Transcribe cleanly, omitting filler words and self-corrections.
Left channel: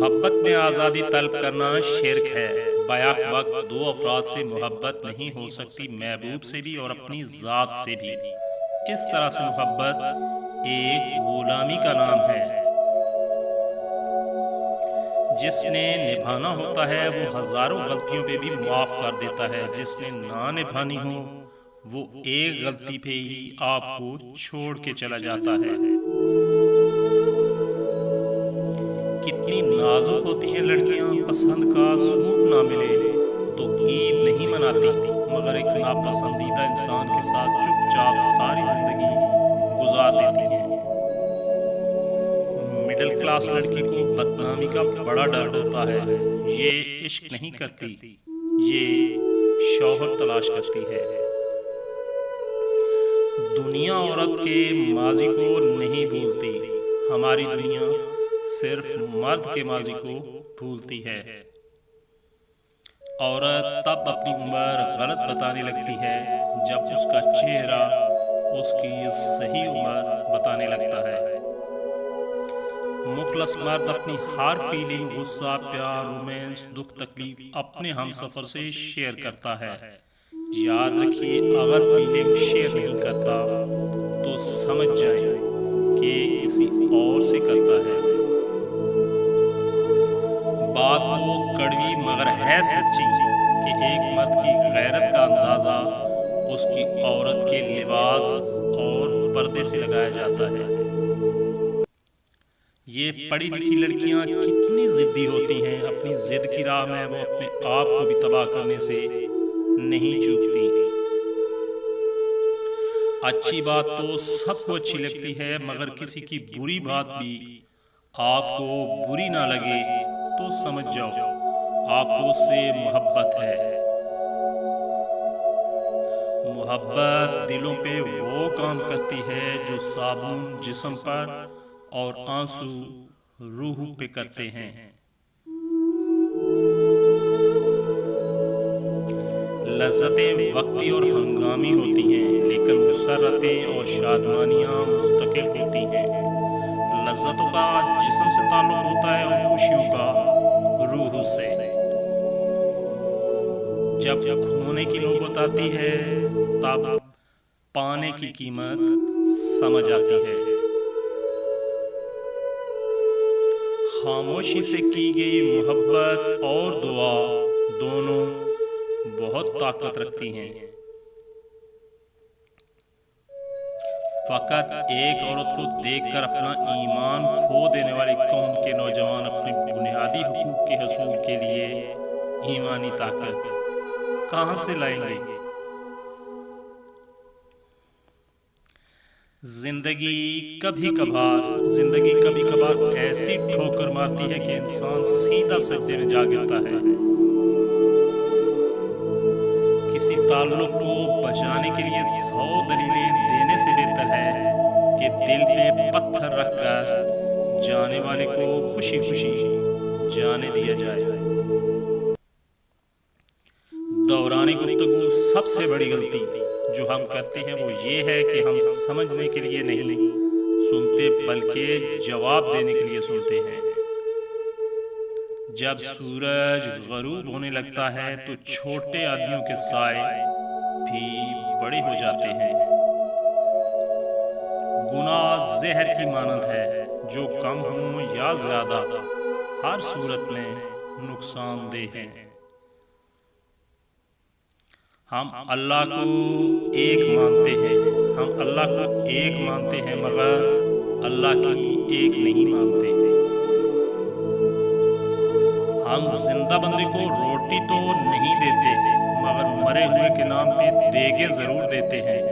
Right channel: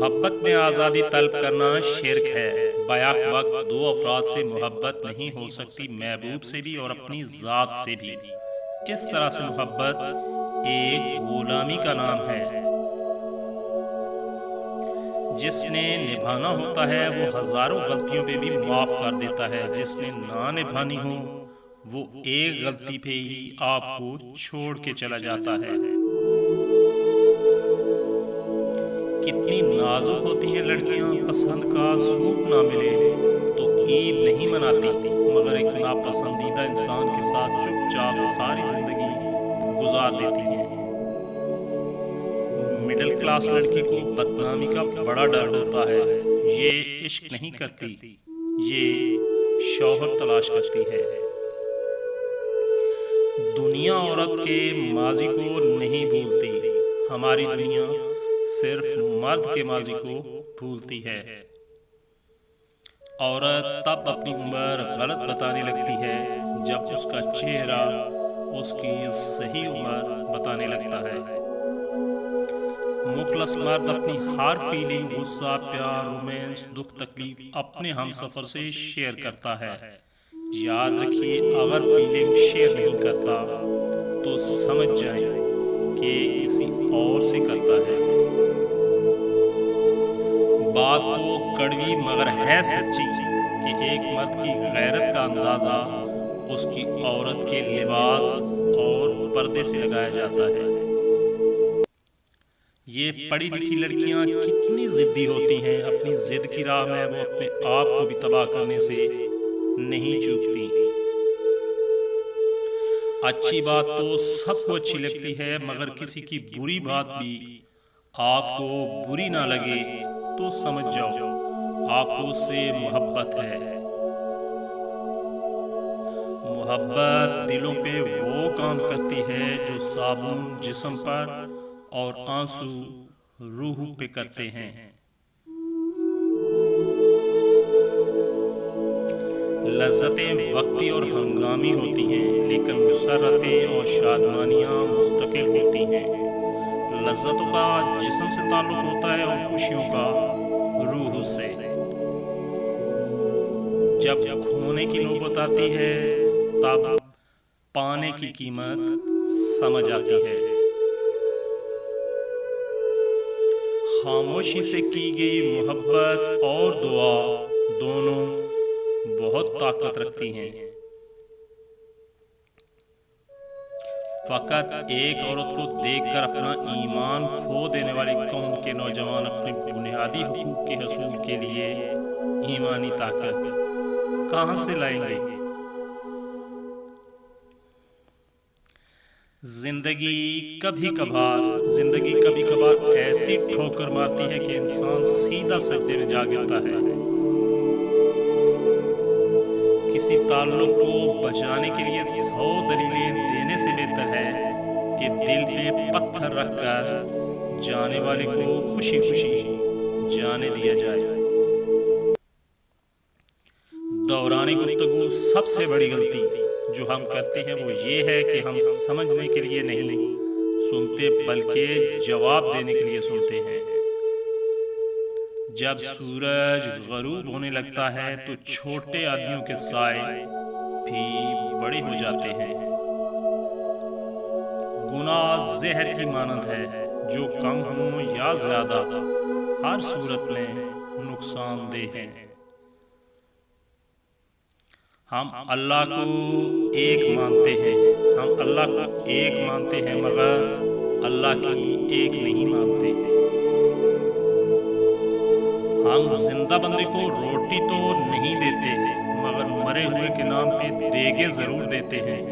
मोहब्बत में आज़ादी तलब करना शिर्क है। बैक वक्त दो अफराद से मोहब्बत नहीं हो सकती, महबूब से भी और अपनी ज़ात से भी। इस तरह से मोहब्बत एक गुलामी का नाम है। जिसने निभाना होता है वो हजारों गलतियों पे भी माफ़ कर देता है, जिसने ना निभानी हो वो एक गलती पे ही आपको छोड़ के चला जाता है। कितनी नाजुक होती हैं लड़कियां, पसंद का सूट ना मिले तो ईद नहीं मनाती, मगर एक नापसंदीदा इंसान के साथ चुपचाप सारी जिंदगी गुजार देती हैं। मिडिल क्लास लड़की को बदनामी का बड़ा डर होता है। ये इश्क नहीं करती, ये शौहर तलाश करती है। दुनिया औरत के माजी को नहीं भूलती, हमारी दुनिया सिर्फ मर्द के माजी को भूलती है। औरत तब अपनी उम्र गलत बताने लगती है जब उसका चेहरा उसकी सही उम्र बताने लगता है। मुखलस मर्द अपनी हर फीलिंग, गुस्सा, प्यार, रोमांस, दुख, तकलीफ अपने हमसफर से शेयर करता है। याद रखिए, अगर फीलिंग शेयर नहीं करता तो समझ जाए कि किसी और से करता है। बात तो कड़वी मगर है सच्ची कि एक मर्द की गैरत का अंदाजा उसकी औरत के लिबास और पर्दे से लगाया जाता है। ये पढ़ी लिखी लड़कियां कितनी जिद्दी होती हैं, अपनी जिद की राह में वो अपने आप को भी तबाह करने से नहीं चूकती। अच्छी बात तो सबको अच्छी लगती है, मगर किसी की बुरी बात भी आपको बुरी ना लगे तो समझ जाओ आपको उससे मोहब्बत है। मोहब्बत दिलों पे वो काम करती है जो साबुन जिस्म पर और आंसू रूह पे करते हैं। लज्जतें वक्ती और हंगामी होती हैं, लेकिन मुसर्रतें और शादमानियां मुस्तकिल होती हैं। लज्जतों का जिस्म से ताल्लुक होता है और खुशियों का रूह से। जब खोने की नौबत आती है तब पाने की कीमत समझ आती है। खामोशी से की गई मोहब्बत और दुआ दोनों बहुत ताकत रखती हैं। फकत एक औरत को देखकर अपना ईमान खो देने वाली कौम के नौजवान अपने बुनियादी हुकूक के हसूल के लिए ईमानी ताकत कहां से लाएंगे? जिंदगी कभी कभार ऐसी ठोकर मारती है कि इंसान सीधा सज्जे में जा गिरता है। किसी ताल्लुक को बचाने के लिए 100 दलीलें देने से बेहतर है कि दिल पे पत्थर रखकर जाने वाले को खुशी खुशी जाने दिया जाए। दौरानी गुफ्तगू सबसे बड़ी गलती जो हम करते हैं वो ये है कि हम समझने के लिए नहीं सुनते बल्कि जवाब देने के लिए सुनते हैं। जब सूरज गरूब होने लगता है तो छोटे आदमियों के साए भी बड़े हो जाते हैं। गुनाह जहर की मानंद है, जो कम हो या ज्यादा हर सूरत में नुकसानदेह है। हम अल्लाह को एक मानते हैं मगर अल्लाह की एक नहीं मानते। हम जिंदा बंदे को रोटी तो नहीं देते मगर मरे हुए के नाम पे देगे जरूर देते हैं।